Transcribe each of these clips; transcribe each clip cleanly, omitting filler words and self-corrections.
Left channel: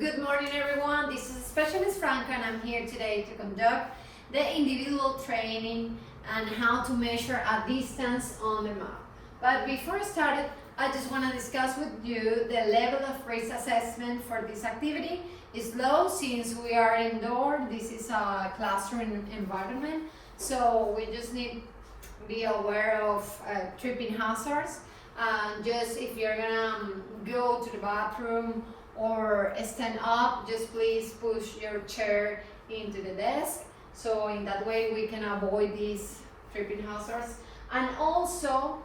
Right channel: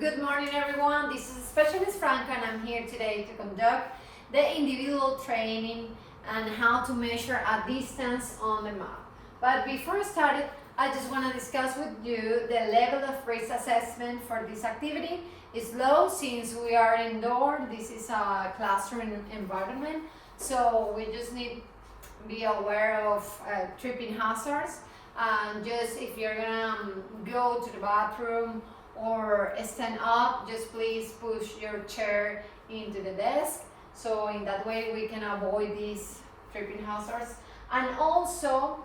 Good morning everyone, this is Specialist Franco and I'm here today to conduct the individual training and how to measure a distance on the map. But before I start, I just want to discuss with you the level of risk assessment for this activity. Is low since we are indoor, this is a classroom environment, so we just need to be aware of tripping hazards. And just if you're gonna go to the bathroom or stand up, just please push your chair into the desk, so in that way we can avoid these tripping hazards. And also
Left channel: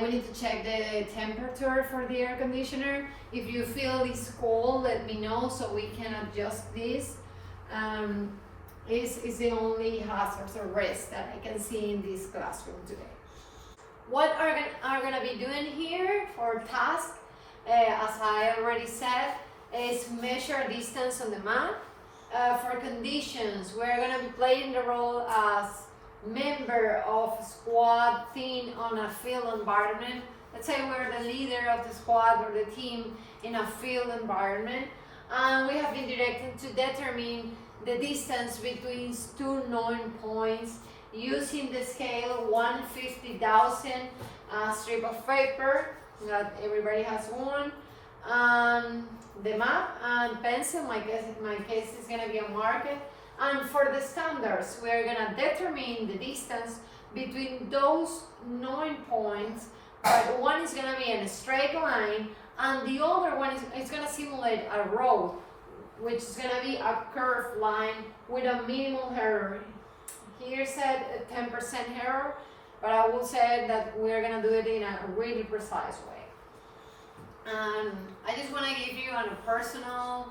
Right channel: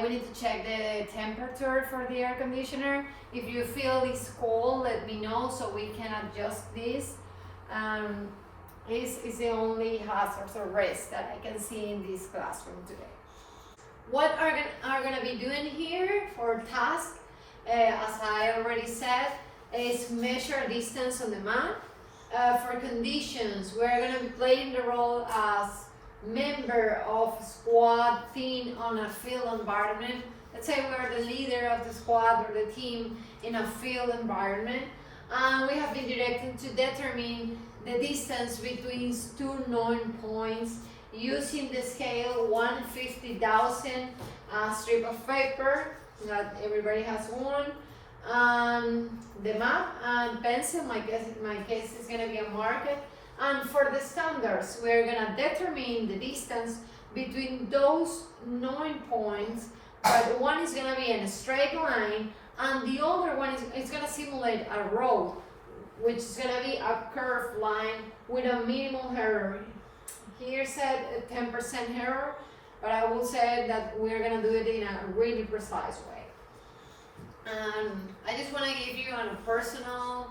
we need to check the temperature for the air conditioner. If you feel it's cold, let me know so we can adjust this. This is the only hazards or risk that I can see in this classroom today. What are going to be doing here for task, as I already said, is measure distance on the map. For conditions, we're going to be playing the role as member of squad team on a field environment. Let's say we're the leader of the squad or the team in a field environment. And we have been directed to determine the distance between two known points using the scale 1/50,000 strip of paper, that everybody has one, the map and pencil. In my case is going to be a marker. And for the standards, we're going to determine the distance between those known points, but one is going to be in a straight line and the other one is going to simulate a road, which is going to be a curved line with a minimal error. Here said 10% error, but I will say that we're going to do it in a really precise way. I just want to give you a personal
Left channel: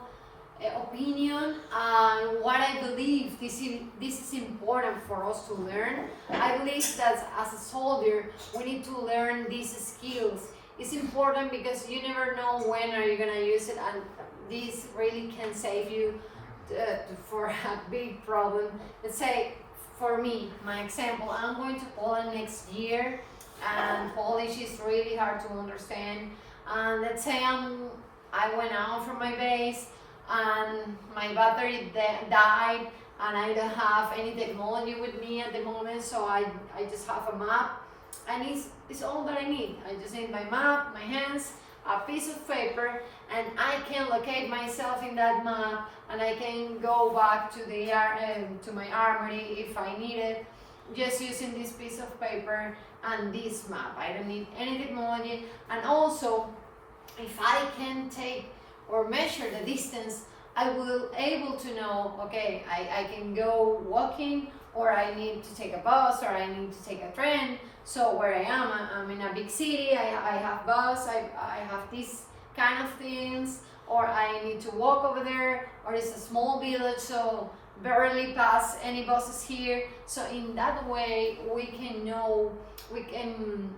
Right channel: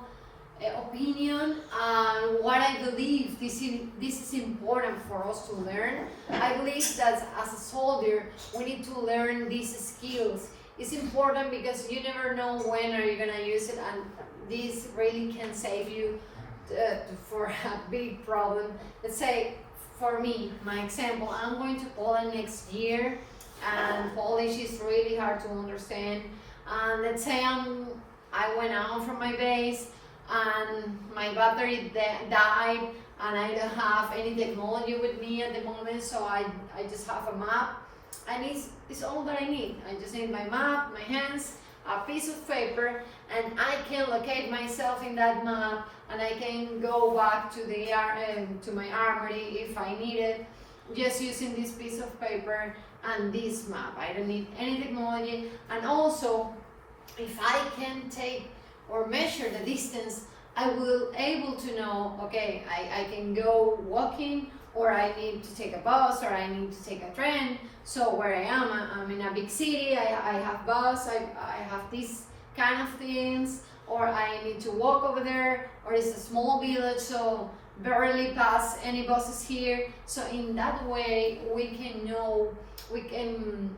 opinion on what I believe this is important for us to learn. I believe that as a soldier, we need to learn these skills. It's important because you never know when are you going to use it, and this really can save you for a big problem. Let's say, for me, my example, I'm going to Poland next year, and Polish is really hard to understand. And let's say I went out from my base and my battery died and I don't have any technology with me at the moment, so I just have a map, and it's all that I need. I just need my map, my hands, a piece of paper, and I can locate myself in that map, and I can go back to my armory if I need it, just using this piece of paper and this map. I don't need any technology. And also, if I can take or measure the distance, I will able to know, okay, I can go walking, or I need to take a bus, or I need to take a train. So where I am, I'm in a big city, I have bus, I have these kind of things, or I need to walk over there, or it's a small village, so barely pass any buses here. So in that way, we can know, we can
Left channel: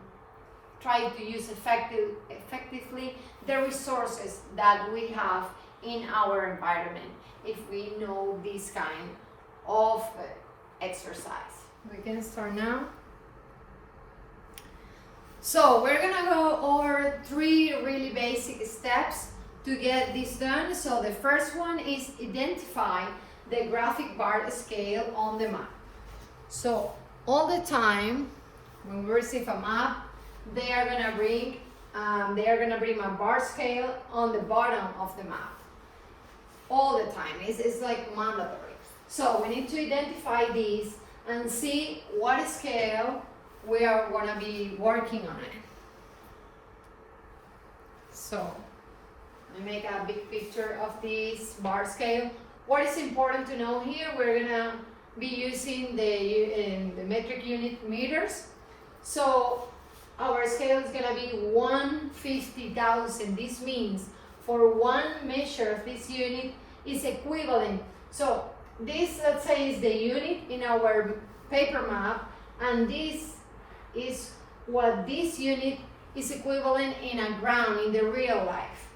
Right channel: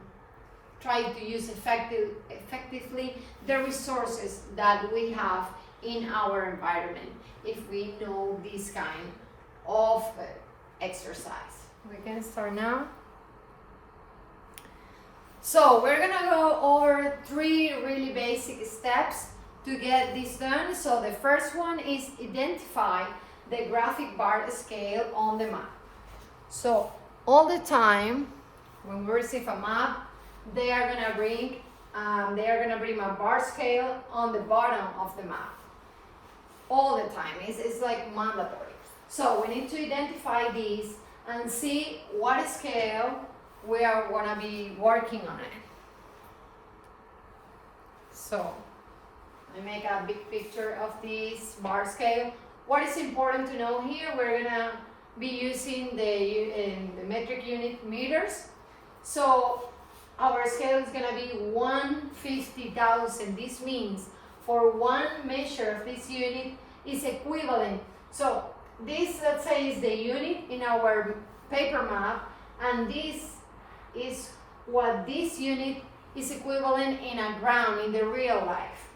try to use effectively the resources that we have in our environment if we know this kind of exercise. We can start now. So we're gonna go over 3 really basic steps to get this done. So the first one is identify the graphic bar scale on the map. So all the time when we receive a map, they are gonna bring a bar scale on the bottom of the map. All the time, it's like mandatory. So we need to identify these and see what scale we are gonna be working on it. So I make a big picture of this bar scale. What is important to know here, we're gonna be using the metric unit meters. So our scale is gonna be 1/50,000. This means for one measure of this unit is equivalent. So this, let's say, is the unit in our paper map, and this is what this unit is equivalent in a ground, in the real life.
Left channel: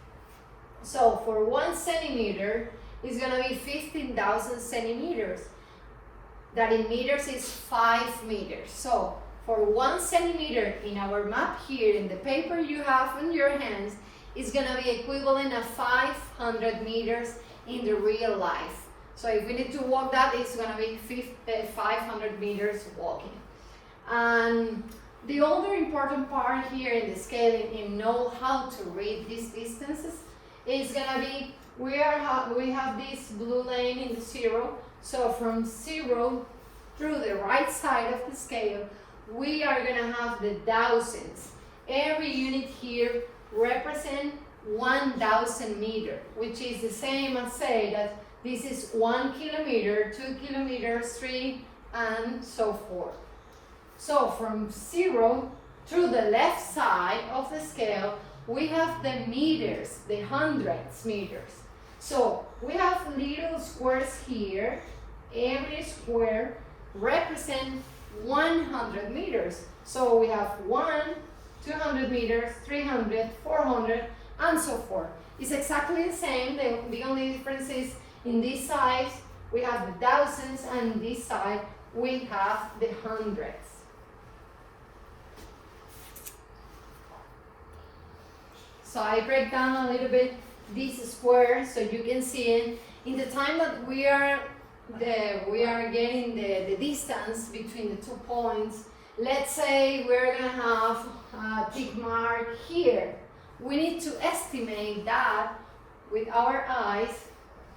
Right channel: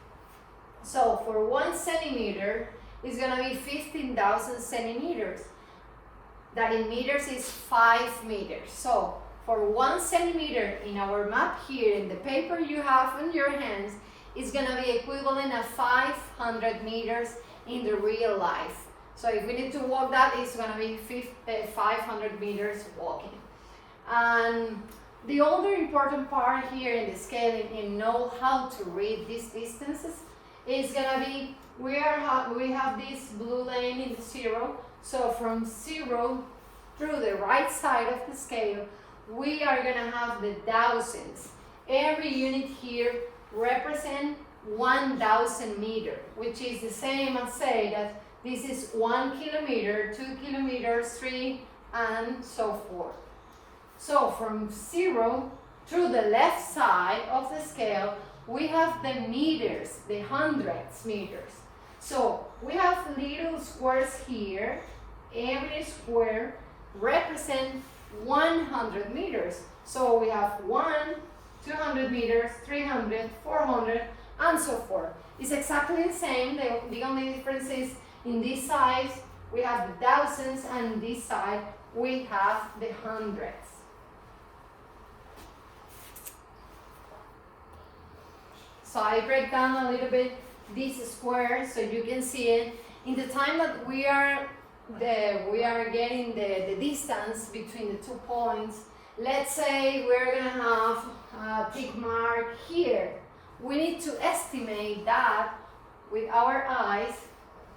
So for 1 centimeter, it's gonna be 15,000 centimeters. That in meters is 5 meters. So for 1 centimeter in our map here, in the paper you have in your hands, is going to be equivalent of 500 meters in the real life. So if we need to walk that, it's going to be 500 meters walking. And the other important part here in the scaling and know how to read these distances is going to be, we have this blue lane in the 0. So from 0 through the right side of the scale, we are going to have the thousands. Every unit here represents 1,000 meters, which is the same as say that this is 1 kilometer, 2 kilometers, 3, and so forth. So from 0 through the left side of the scale, we have the meters, the hundreds meters. So we have little squares here. Every square represents 100 meters. So we have 1, 200 meters, 300, 400, and so forth. It's exactly the same. The only difference is in this side we have the thousands, and in this side we have the hundreds. So I break down a little bit this square so you can see it. In the time that we are getting the distance between the 2 points, let's say we're gonna have a tick mark here. We need to estimate that with our eyes.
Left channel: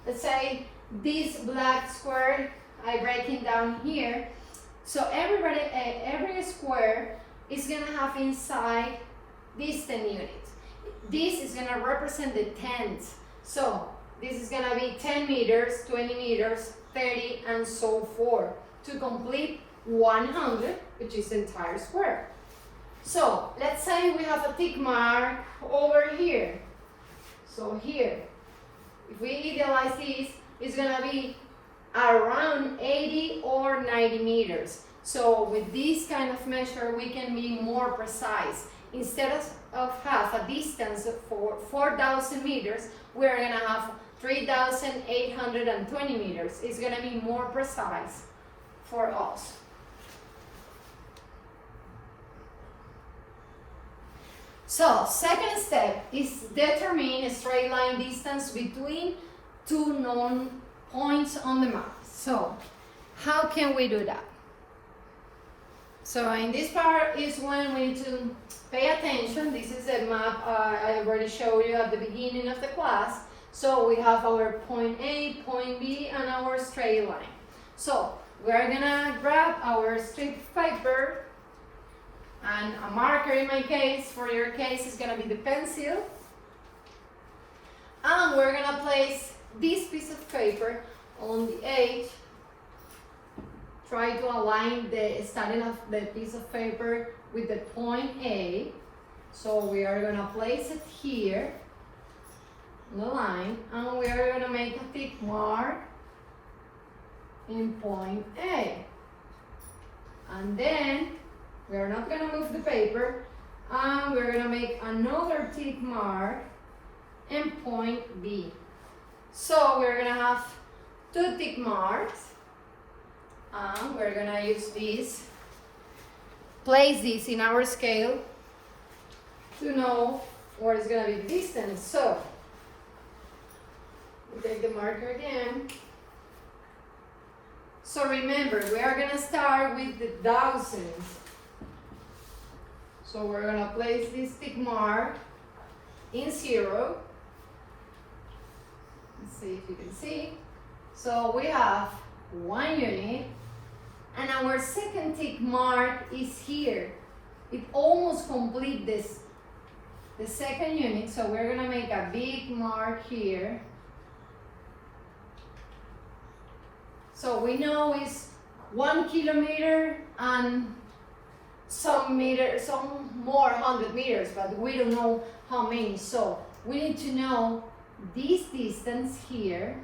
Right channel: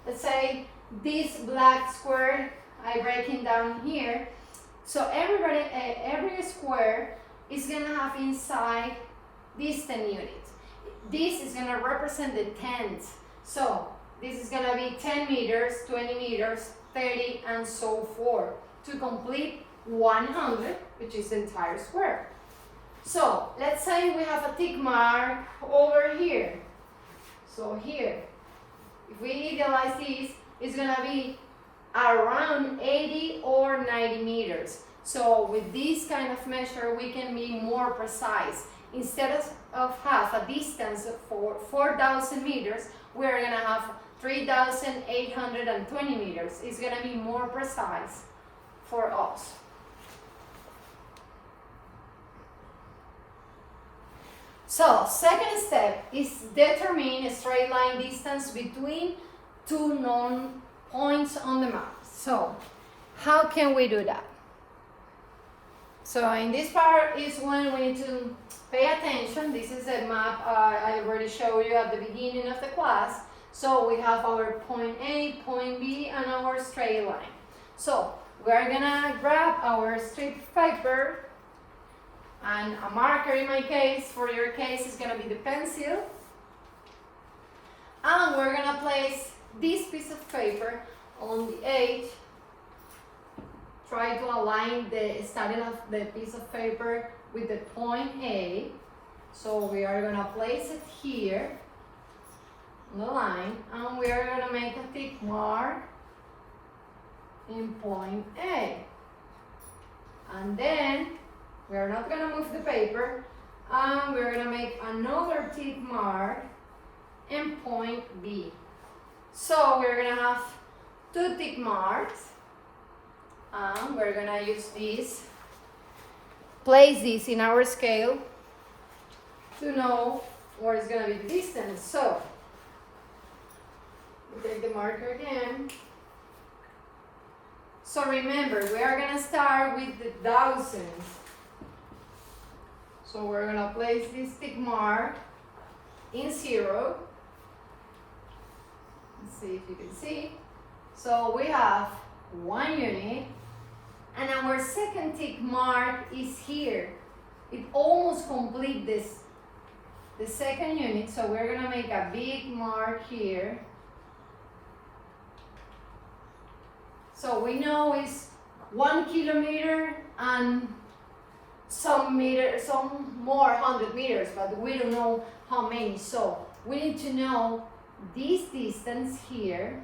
Let's say this black square, I break it down here. So every square is gonna have inside these 10 units. This is gonna represent the tenths. So this is gonna be 10 meters, 20 meters, 30, and so forth to complete 100, which is the entire square. So let's say we have a tick mark over here. So here, if we idealize this, it's gonna be around 80 or 90 meters. So with this kind of measure, we can be more precise. Instead of have a distance for 4,000 meters, we're gonna have 3,820 meters. It's gonna be more precise for us. So, second step is determine a straight line distance between 2 known points on the map. So, how can we do that? So, in this part is when we need to pay attention. This is a map I already showed you at the beginning of the class. So, we have our point A, point B, and our straight line. So, we're gonna grab our strip paper and a marker. In my case, for your case, is gonna be the pencil. And we're gonna place this piece of paper on the edge. Try to align the starting of the piece of paper with the point A. So we are gonna place it here on the line, and we are gonna make a tick mark in point A. And then we're not gonna move the paper, and we're gonna make another tick mark in point B. So we're gonna have 2 tick marks, and we're gonna use this, place this in our scale to know what is gonna be the distance. So we take the marker again. So remember, we are gonna start with the thousands. So we're gonna place this tick mark in 0. Let's see if you can see. So we have 1 unit, and our second tick mark is here. It almost completes this, the second unit. So we're gonna make a big mark here. So we know it's 1 kilometer and some more 100 meters, but we don't know how many. So we need to know this distance here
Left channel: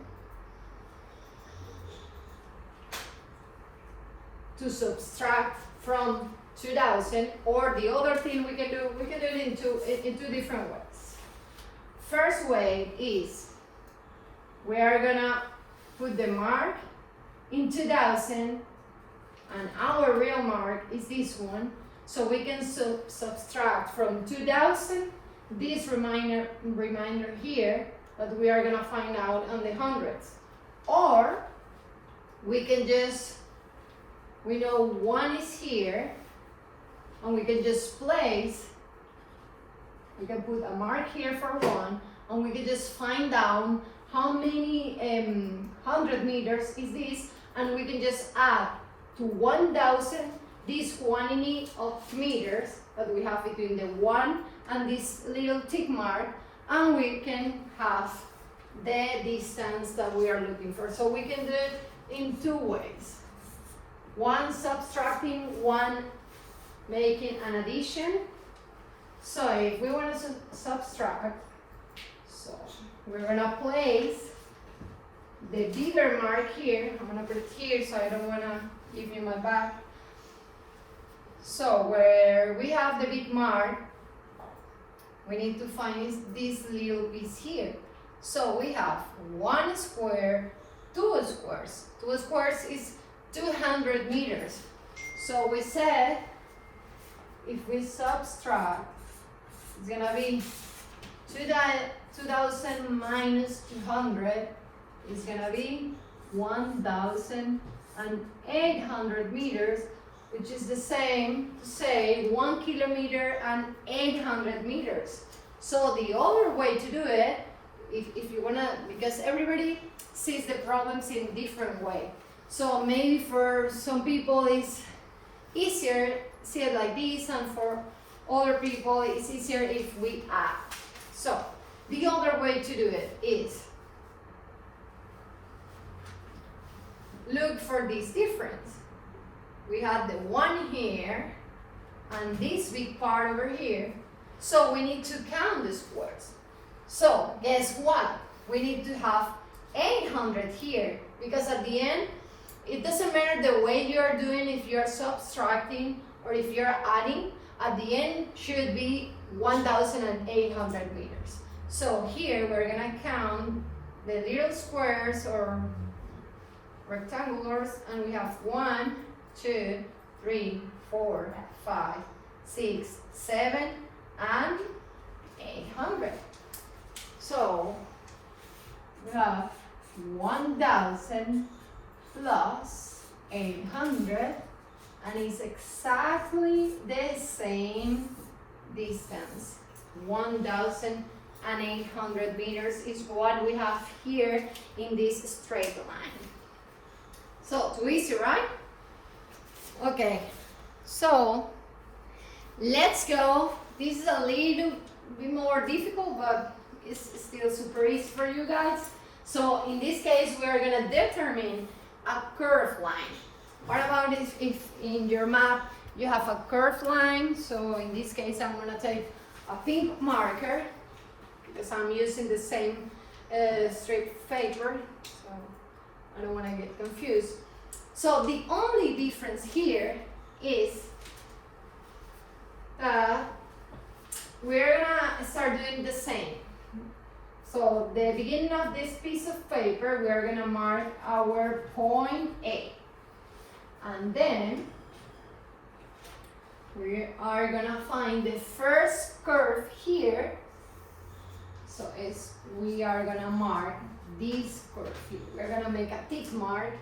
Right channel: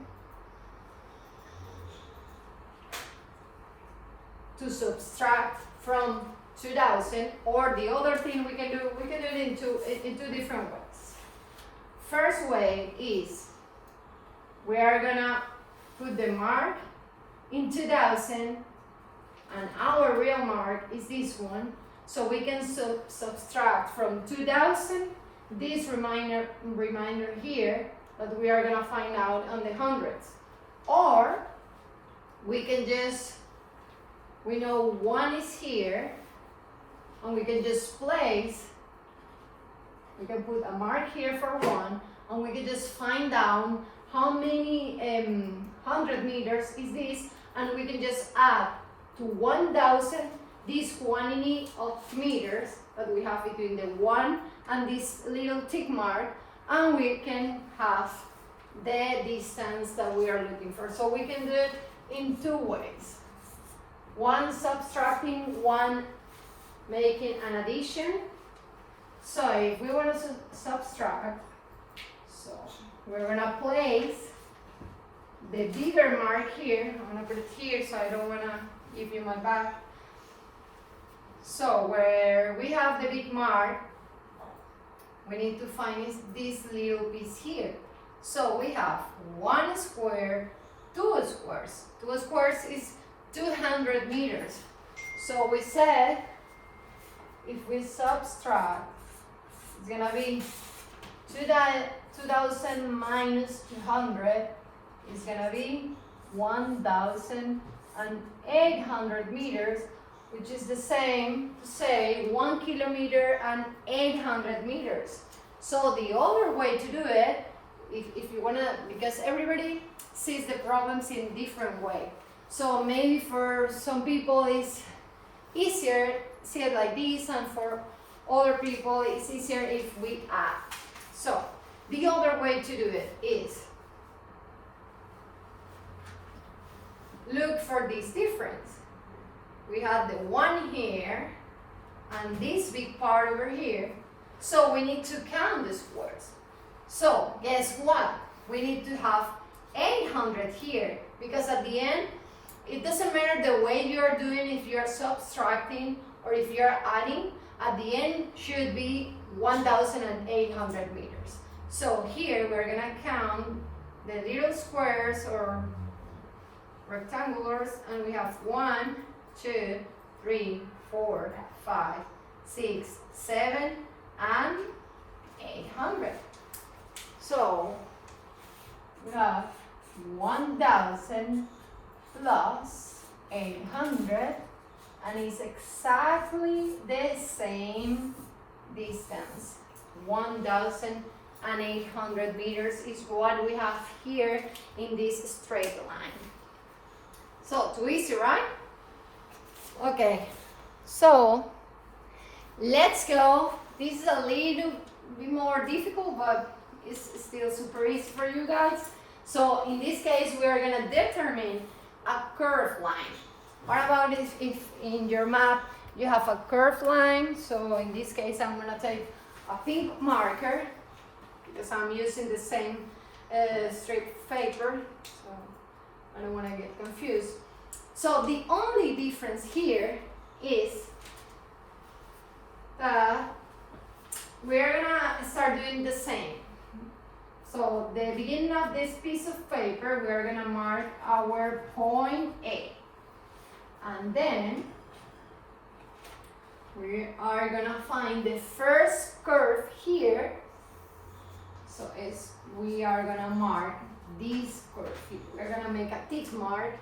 to subtract from 2,000, or the other thing we can do it in 2 different ways. First way is we are gonna put the mark in 2,000, and our real mark is this one. So we can subtract from 2,000 this reminder here that we are gonna find out on the hundreds. Or we can just, we know 1 is here, and we can just place, we can put a mark here for 1, and we can just find out how many 100 meters is this, and we can just add to 1,000 this quantity of meters that we have between the 1 and this little tick mark, and we can have the distance that we are looking for. So we can do it in 2 ways. One subtracting, one making an addition. So if we want to subtract, so we're gonna place the bigger mark here. I'm gonna put it here so I don't wanna give you my back. So where we have the big mark, we need to find this little piece here. So we have 1 square, 2 squares. 2 squares is 200 meters. So we said if we subtract, it's gonna be 2,000 minus 200 is gonna be 1,800 meters, which is the same to say 1 kilometer and 800 meters. So the other way to do it, if you wanna, because everybody sees the problems in different way. So maybe for some people it's easier see it like this, and for other people it's easier if we add. So the other way to do it is look for this difference. We had the 1 here and this big part over here. So we need to count the squares. So guess what? We need to have 800 here, because at the end, it doesn't matter the way you're doing, if you're subtracting or if you're adding, at the end should be 1,800 meters. So here we're gonna count the little squares or rectangulars, and we have 1, 2, 3, 4, 5, 6, 7, and 800. So we have 1,000 plus 800, and it's exactly the same distance. 1,800 meters is what we have here in this straight line. So too easy, right? Okay, so let's go. This is a little bit more difficult, but it's still super easy for you guys. So in this case, we're gonna determine a curved line. What about if in your map you have a curved line? So in this case, I'm gonna take a pink marker because I'm using the same strip paper, so I don't wanna get confused. So the only difference here is we're gonna start doing the same. So the beginning of this piece of paper, we're gonna mark our point A. And then we are gonna find the first curve here. So we are gonna mark this curve here. We're gonna make a tick mark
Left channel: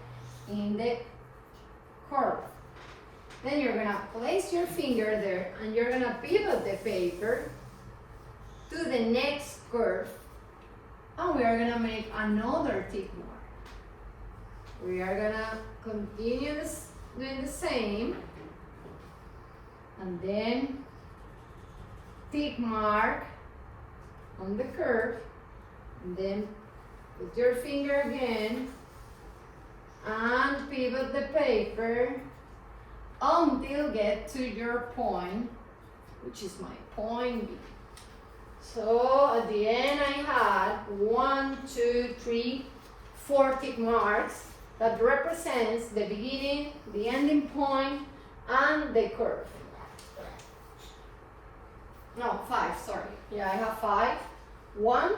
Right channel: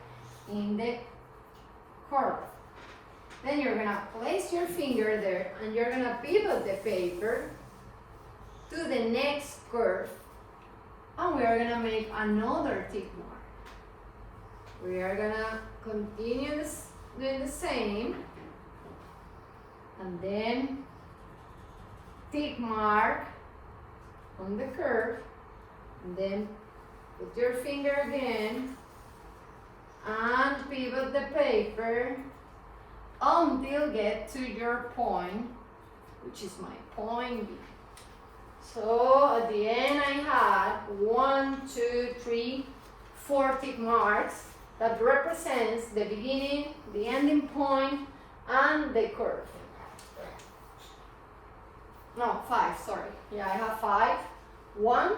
in the curve. Then you're gonna place your finger there and you're gonna pivot the paper to the next curve. And we are gonna make another tick mark. We are gonna continue doing the same. And then tick mark on the curve. And then put your finger again and pivot the paper until get to your point, which is my point B. So at the end I had 1, 2, 3, 4 tick marks that represents the beginning, the ending point, and the curve. No, 5, sorry. Yeah, I have 5. 1,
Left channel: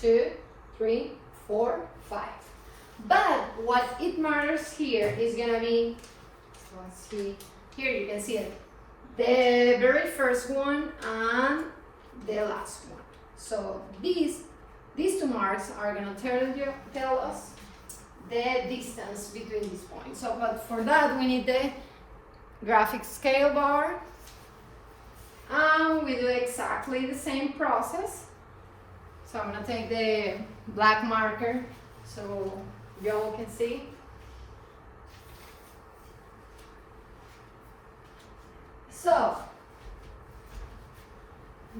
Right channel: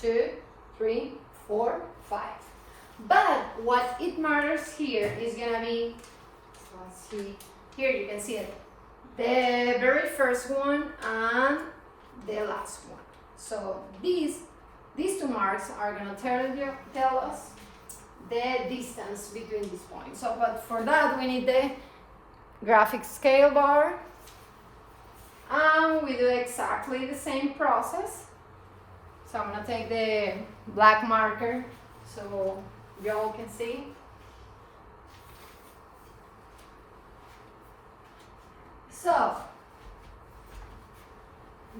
2, 3, 4, 5. But what it matters here is gonna be, let's see, here you can see it. The very first one and the last one. So these two marks are gonna tell us the distance between these points. So, but for that we need the graphic scale bar, and we do exactly the same process. So I'm gonna take the black marker so y'all can see. So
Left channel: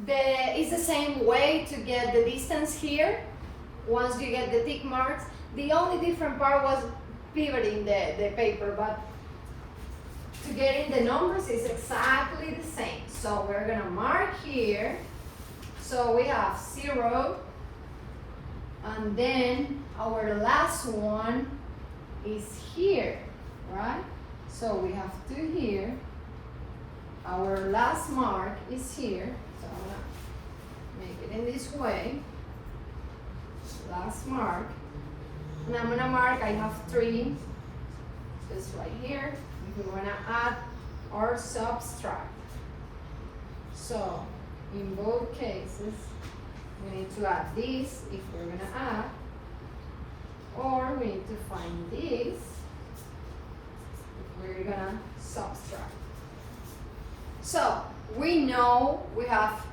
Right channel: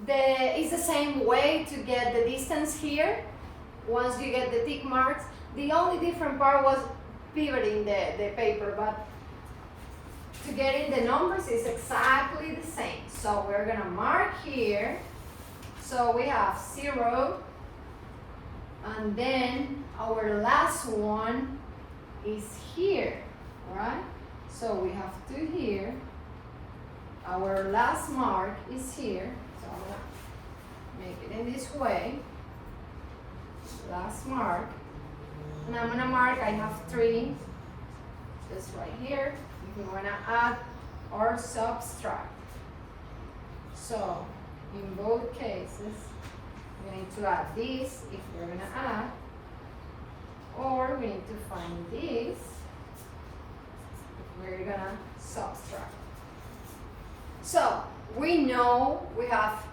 it's the same way to get the distance here. Once you get the tick marks, the only different part was pivoting the paper, but to get in the numbers is exactly the same. So we're gonna mark here. So we have 0, and then our last one is here, right? So we have 2 here. Our last mark is here. So I'm gonna make it in this way. Last mark. And I'm gonna mark, I have 3, just right here. If we wanna add or subtract. So in both cases, we need to add this if we're gonna add, or we need to find this if we're gonna subtract. So we know we have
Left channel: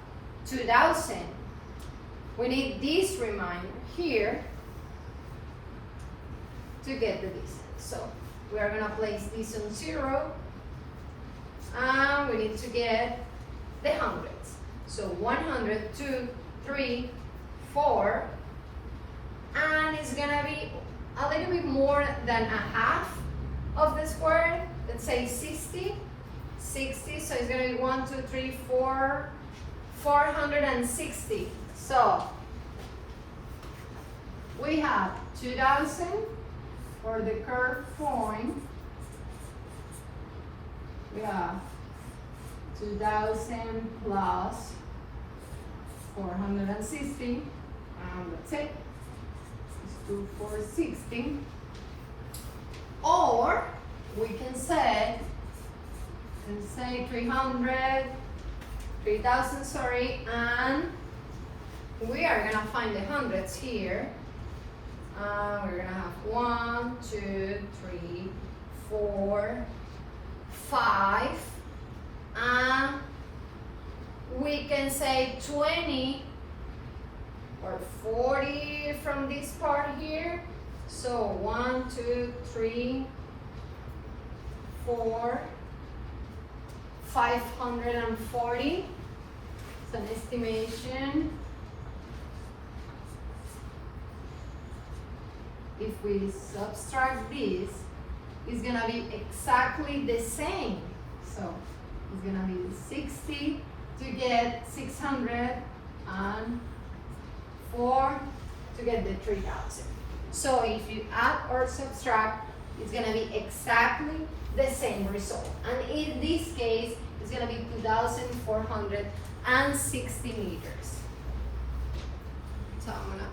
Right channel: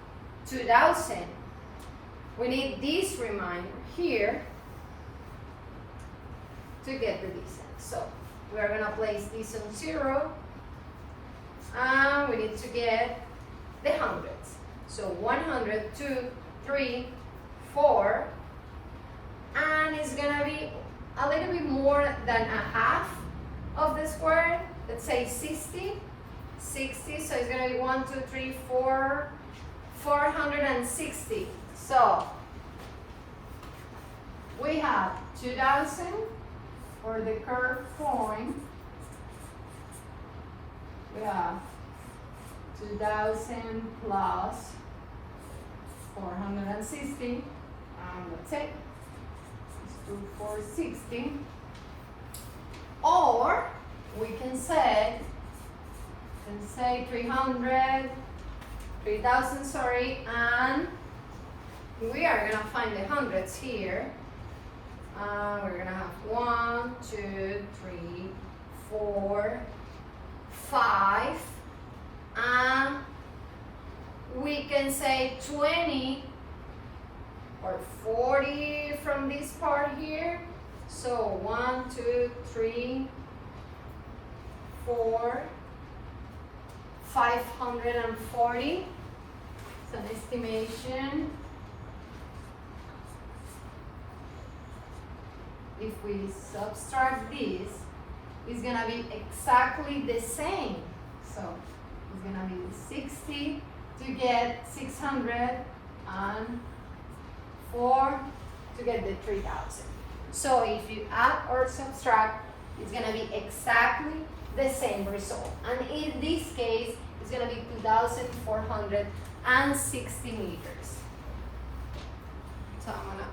2000. We need this reminder here to get the distance. So we are gonna place this on 0, and we need to get the hundreds. So 100, 2, 3, 4, and it's gonna be a little bit more than a half of the square. Let's say 60, so it's gonna be 1, 2, 3, 4, 460. So we have 2000 for the curved point. We have 2000 plus 460, and that's it. It's 2460. Or we can say 3000, sorry, and we are gonna find the hundreds here. We're gonna have 1, 2, 3, 4, 5, and we can say 20 or 40 from this part here. So 1, 2, 3, 4, 540. It's an estimation. If we subtract this, it's gonna be exactly the same. So it's gonna be 60 to get 600 and 4 to get the 3000. So if you add or subtract, it's gonna be exactly the same result. And in this case, it's gonna be 2,460 meters. So I'm gonna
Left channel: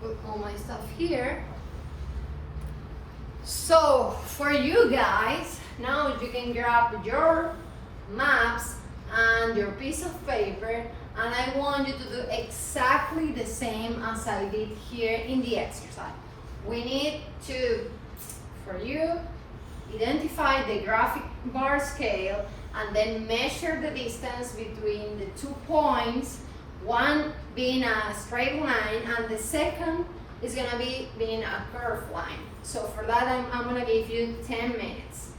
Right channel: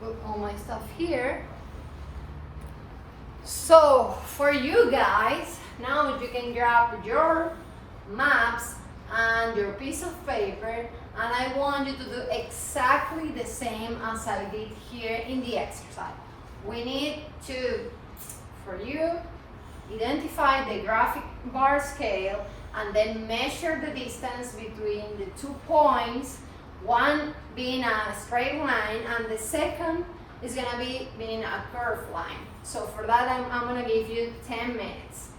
put all my stuff here. So for you guys, now you can grab your maps and your piece of paper, and I want you to do exactly the same as I did here in the exercise. We need to, for you, identify the graphic bar scale and then measure the distance between the 2 points, one being a straight line and the second is gonna be being a curved line. So for that, I'm gonna give you 10 minutes.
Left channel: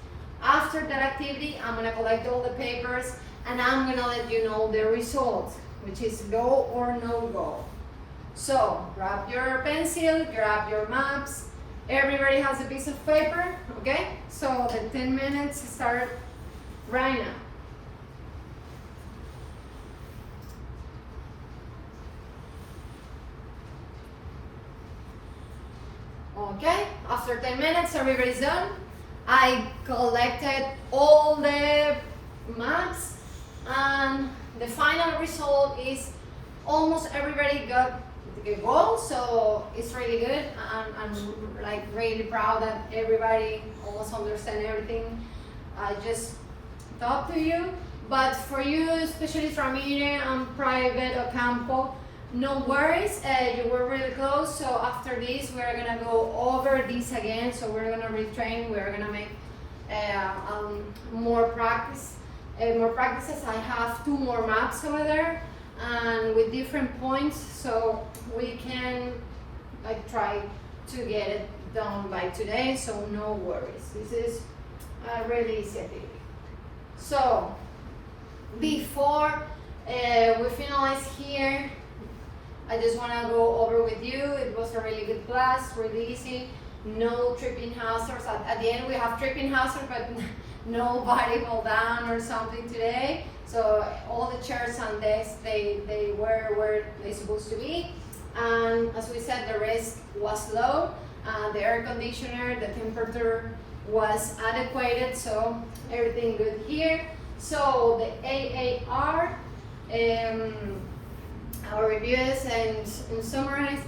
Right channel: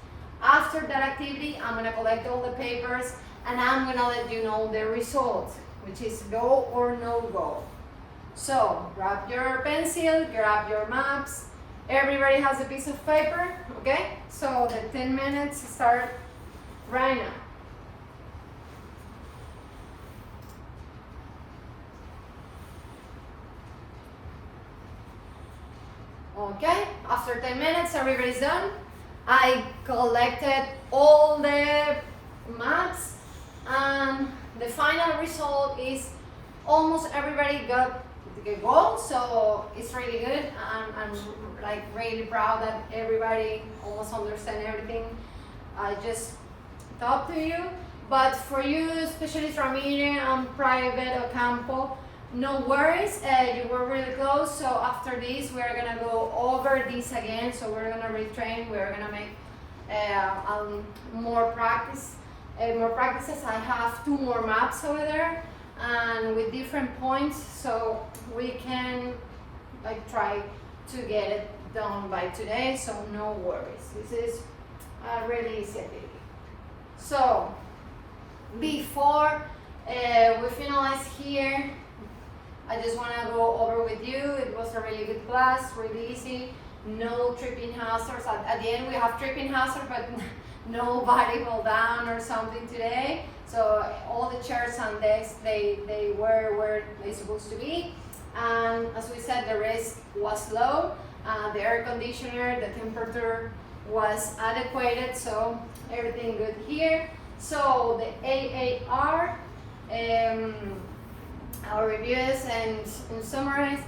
After that activity, I'm gonna collect all the papers and I'm gonna let you know the result, which is go or no go. So grab your pencil, grab your maps. Everybody has a piece of paper, okay? So the 10 minutes start right now. Okay, after 10 minutes, everybody's done. I collected all the maps and the final result is almost everybody got the goal, so it's really good. I'm like really proud that everybody almost understand everything I just talked to you. But for you, Specialist Ramírez and Private Ocampo, no worries, you were really close. So after this, we're gonna go over this again. So we're gonna retrain, we're gonna make more practice. More practices. I have 2 more maps over there and with different points, so we can try to get it done by today, so no worries. This is a really easy activity. So before we finalize here, I just want to go over with you. It was a really good class, really easy, no tripping hazards. At the end we have tripping hazards, but nobody fall down or something today. So all the chairs and desks, they were where they're supposed to be. And as we said, the risk was low. The air conditioner, the temperature was adequate, so everything good here. So the AAR, our reviews, and in summarize,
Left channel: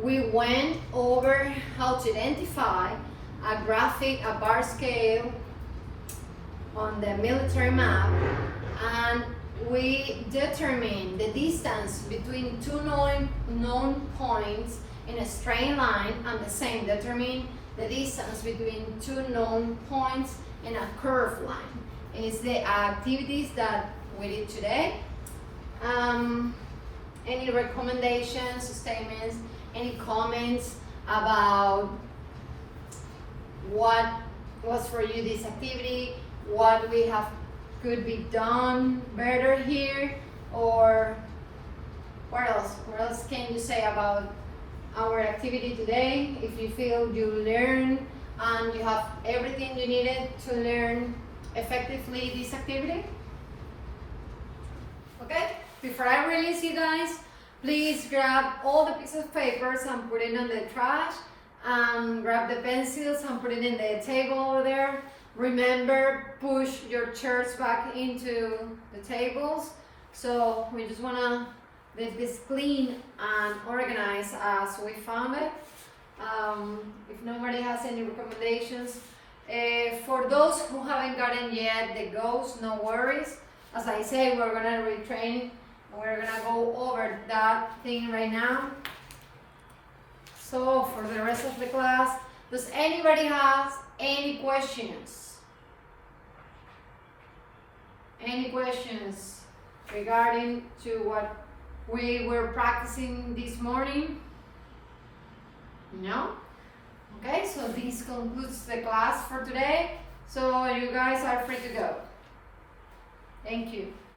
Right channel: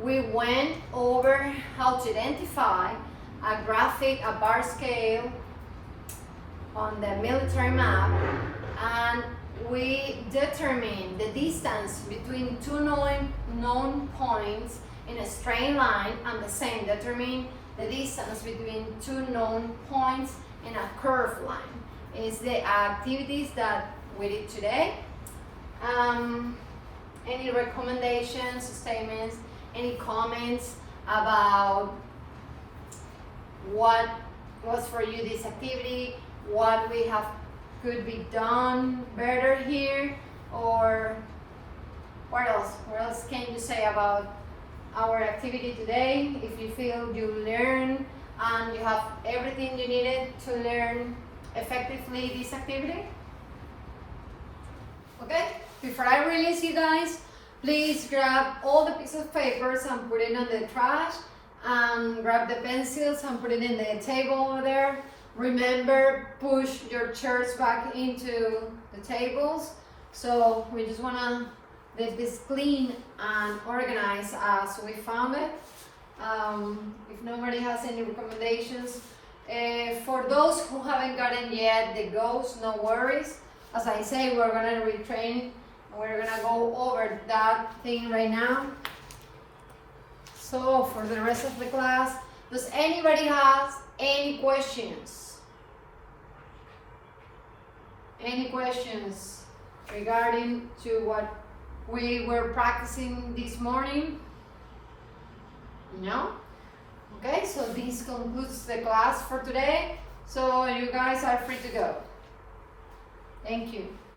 we went over how to identify a graphic, a bar scale on the military map, and we determined the distance between 2 known points in a straight line, and the same determine the distance between 2 known points in a curved line. Is the activities that we did today. Any recommendations, statements, any comments about what was for you this activity, what we have could be done better here, or what else can you say about our activity today? If you feel you learn and you have everything you needed to learn effectively this activity. Okay, before I release you guys, please grab all the pieces of papers and put it in the trash, and grab the pencils and put it in the table over there. Remember, push your chairs back into the tables. So we just want to leave this clean and organized as we found it. If nobody has any recommendations, for those who haven't gotten yet the goals, no worries. As I say, we're gonna retrain. We're gonna go over that thing right now. So for the rest of the class, does anybody have any questions? Any questions regarding to what we were practicing this morning? No? Okay, so this concludes the class for today. So you guys are free to go. Thank you.